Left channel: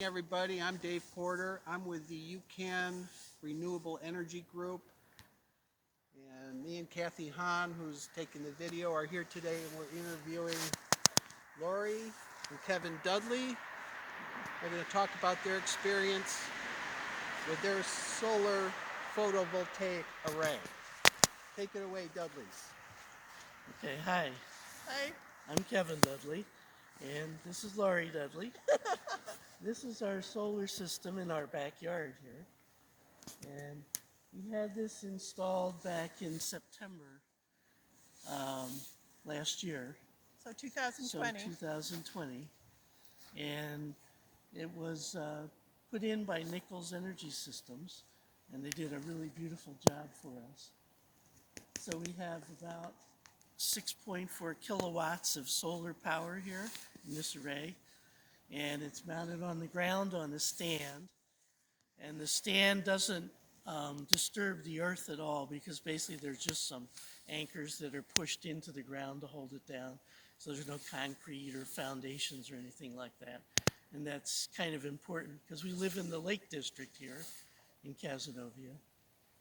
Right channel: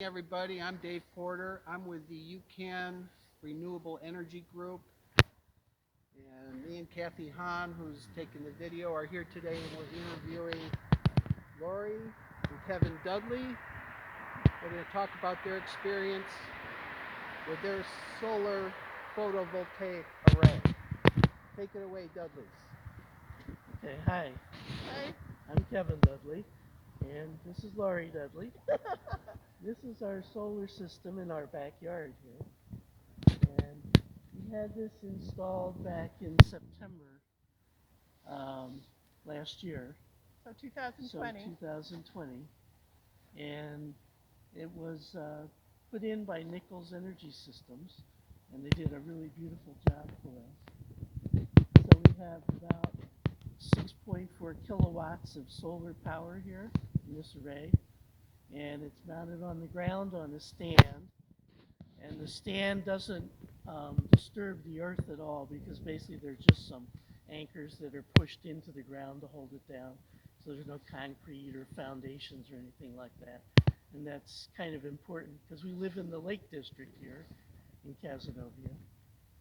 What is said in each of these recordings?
Everybody, I'm Dave Porter. I'm with the UCAN Renewable Energy Group, and me and Kathy Hahn, who's taking the video, are here today, and we're interviewing Laurie and Kevin Dudley. They're going to talk about their experience with their solar photovoltaic array. Take it away, Dudleys. Okay, hi. Hi. I'm Kevin Dudley, and this is Laurie Dudley. This is our solar system in our backyard here, and we had this installed back in September last year, So so 2020. 2020, and it was put in by Nichols Energy Systems, and they did a really beautiful job for us. So we have about 6.4 kilowatts of solar power here in this array, and it's mounted on the ground on a stand, and the stand doesn't disturb the earth at all because basically there's just some anchors that are pushed into the ground to hold it down, so there's no concrete or foundations or anything like that. And that's kind of important because we live in the Lake District here in Cazenovia,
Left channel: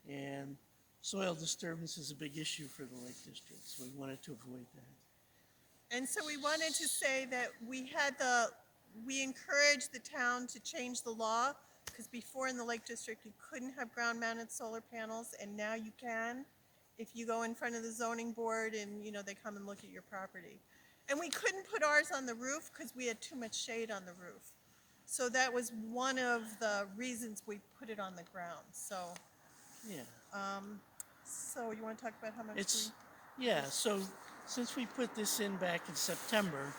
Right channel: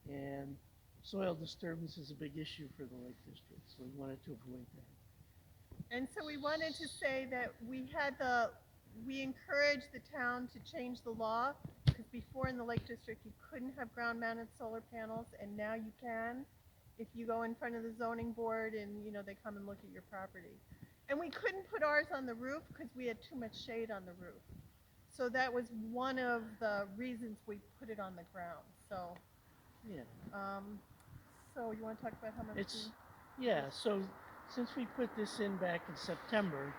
and soil disturbance is a big issue for the Lake District, so we wanted to avoid that. And so we wanted to say that we encouraged the town to change the law, because before in the Lake District you couldn't have ground mounted solar panels, and now you can if you go in front of the zoning board and they come and look at your property. And we couldn't put ours on the roof because we had too much shade on the roof. So that was one of the reasons we put it on the ground. So Yeah. so you want to talk about how much So since we put this in back in September,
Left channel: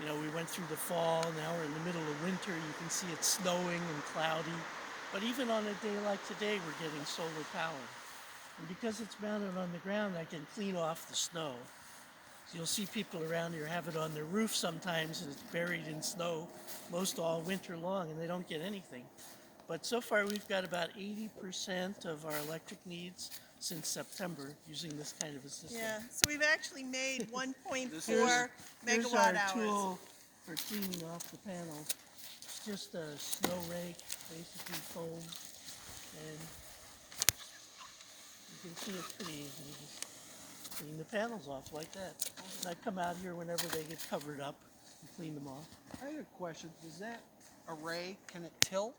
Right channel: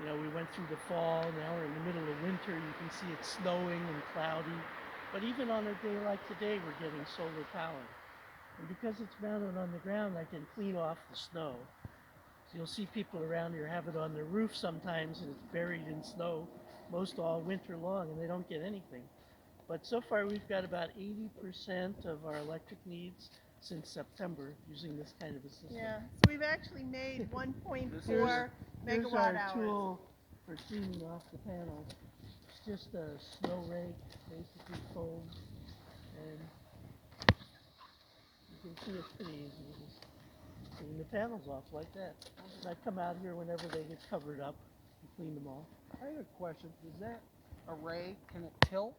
we went through the fall, now we're in the middle of winter, you can see it's snowing and cloudy, but even on a day like today, we're getting solar power. And because it's mounted on the ground, I can clean off the snow. So you'll see people around here have it on their roof sometimes, and it's buried in snow most all winter long, and they don't get anything. But so far, we've got about 80% of our electric needs since September using this kind of a system. Yeah, so we've actually made 1.4 Here's megawatt our hours. tool for cleaning off the panel. It's just a snow rake, basically foam, and you can see it's pretty easy. You just clean the panels off like that. And I come out here whenever they get covered up and clean them off. I had a question. Does that array, can it tilt?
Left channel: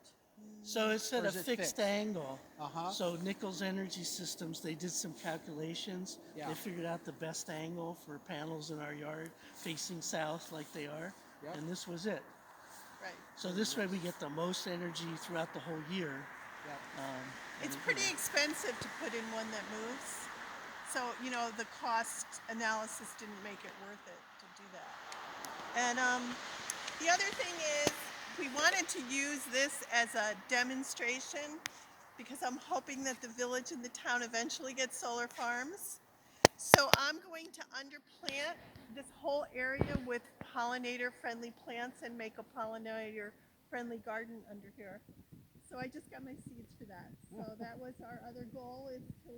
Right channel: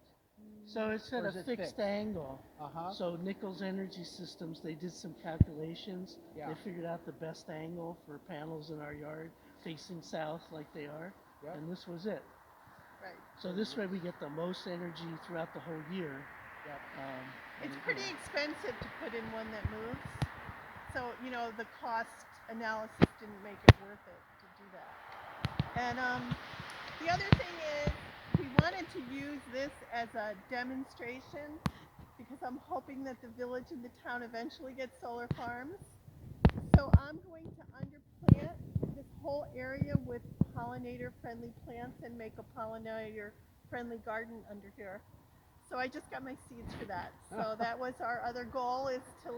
So it's at Or a is it fixed fixed? angle. Uh-huh. So Nichols Energy Systems, they did some calculations. Yeah. They figured out the best angle for panels in our yard facing south like they are. Yep. And this was it. Right. So this way we get the most energy throughout the whole year. Yep. It's pretty expensive to put in one that moves. So, the cost analysis didn't make it worth it to do that. And the other thing is, we wanted to use this as a demonstration because I'm hoping that the village and the town eventually get solar farms. So I'm going to underplant this whole area with pollinator-friendly plants and make a pollinator-friendly garden under here. So I just got my seeds for that. So that was our other goal, is to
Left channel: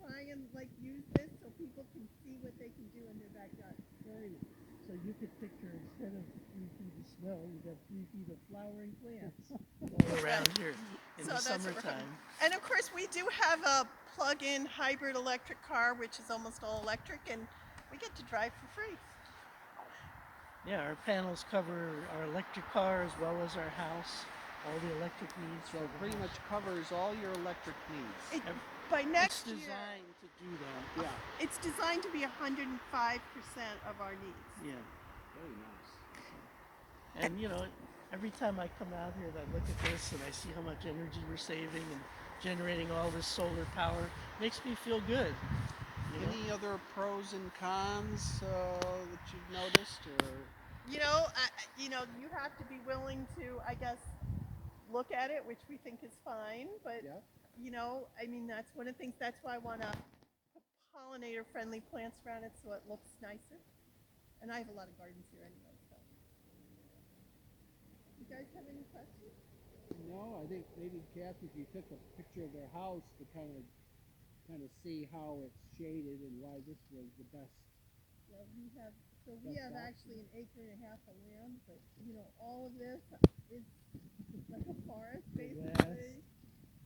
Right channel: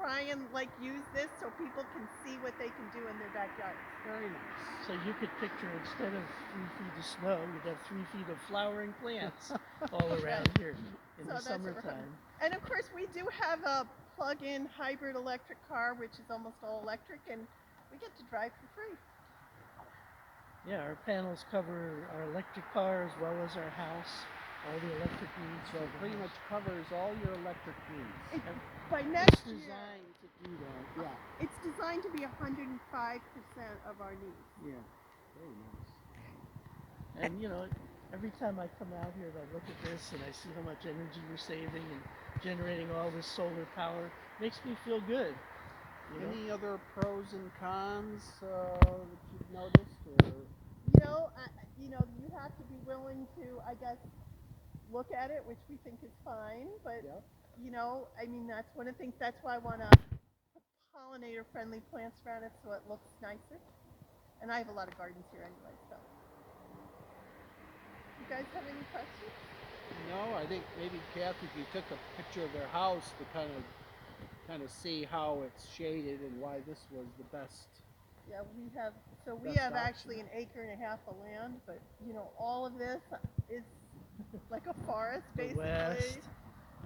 try and use this so people can see what they can do in their backyard. Very nice. So you could picture, instead of 3 feet of snow, you'd have 3 feet of flowering plants all around here in the summertime. And of course, we do have a plug-in hybrid electric car, which is almost all electric, and we get to drive for free. Yeah, our panels cover our electric car as well as our house, all the electric needs. So it pretty much covers all your electric needs. By It's next year, designed to do that. Yeah. it's designed to be 105% of our needs. Yeah. Very nice. And every time I come out here and I look at this and I see how much energy we're saving and generating all this solar power, makes me feel good. Any other pros and cons that you've noticed, or? You have to be willing to, I guess, look at it, which we think is fine. But Yep. that's one of the things. That's why I want to put pollinator-friendly plants around it so it looks nicer. And I have a lot of gardens here anyway, so. You guys have any questions? No, I think maybe Kathy, if you took a picture of their house to kind of see how it's shaded and why this was the best. Yeah, we Best have option. actually an acre and a half of land, but all of this is like a forest, the basically. west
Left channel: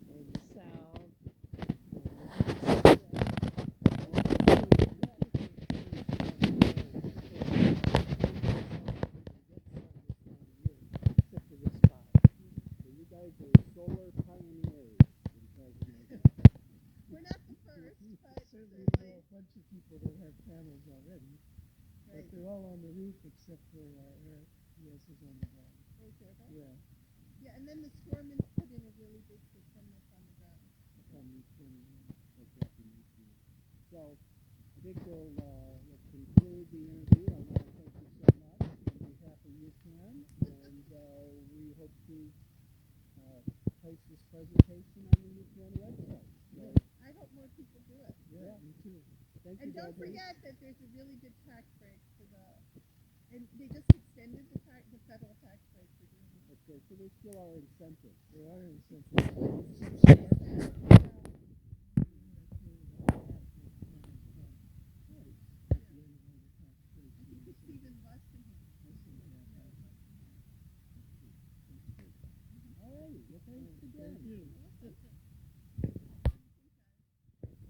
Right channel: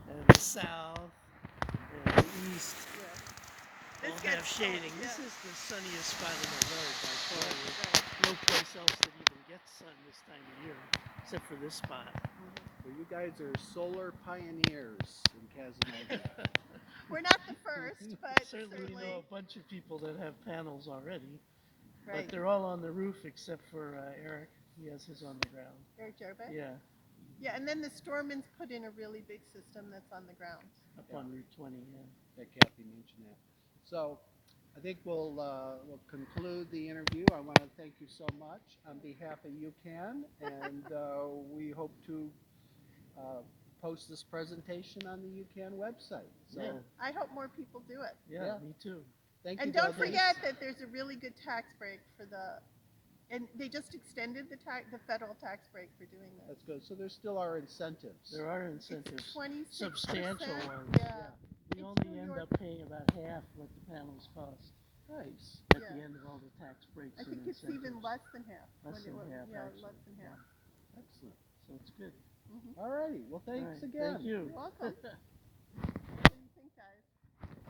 and the south and the east. Yeah. All have shading. This is the sunniest spot in the world. No place else that even gets sun this time of year, except for this spot. Well, you guys are solar pioneers in Cazenovia. We're not the first, but Certainly certainly. we know a bunch of people that have panels already, Right. but they're all on the roof except for Eric. He has his on the ground. Eric Jarbeck? Yeah, Yeah, and then the Stormans put in a really big system that's on the ground. up on Route 20. Yeah. That Kathy mentioned that. So I think we'll conclude the interview. I want to thank you so much on behalf of UCAN, and we hope to post this presentation on the UCAN website. So Yeah. I hope more people do it. Yeah, Yeah. me too. thank you. And don't Dudley. forget that there's a really good tax break for and they just extended the federal tax break for doing this. That's good. So there still are incentives. There are incentives, 26%. substantial ones. Yeah. We It's only New end York. up paying about half what the panels cost Nice. at Yeah. the end of all the tax breaks I and think it's even incentives. less than half. Less when it than was- half, Yeah, actually. less than half. Excellent. So it's good. All righty. Well, All thanks right, again. Thank you. You're welcome.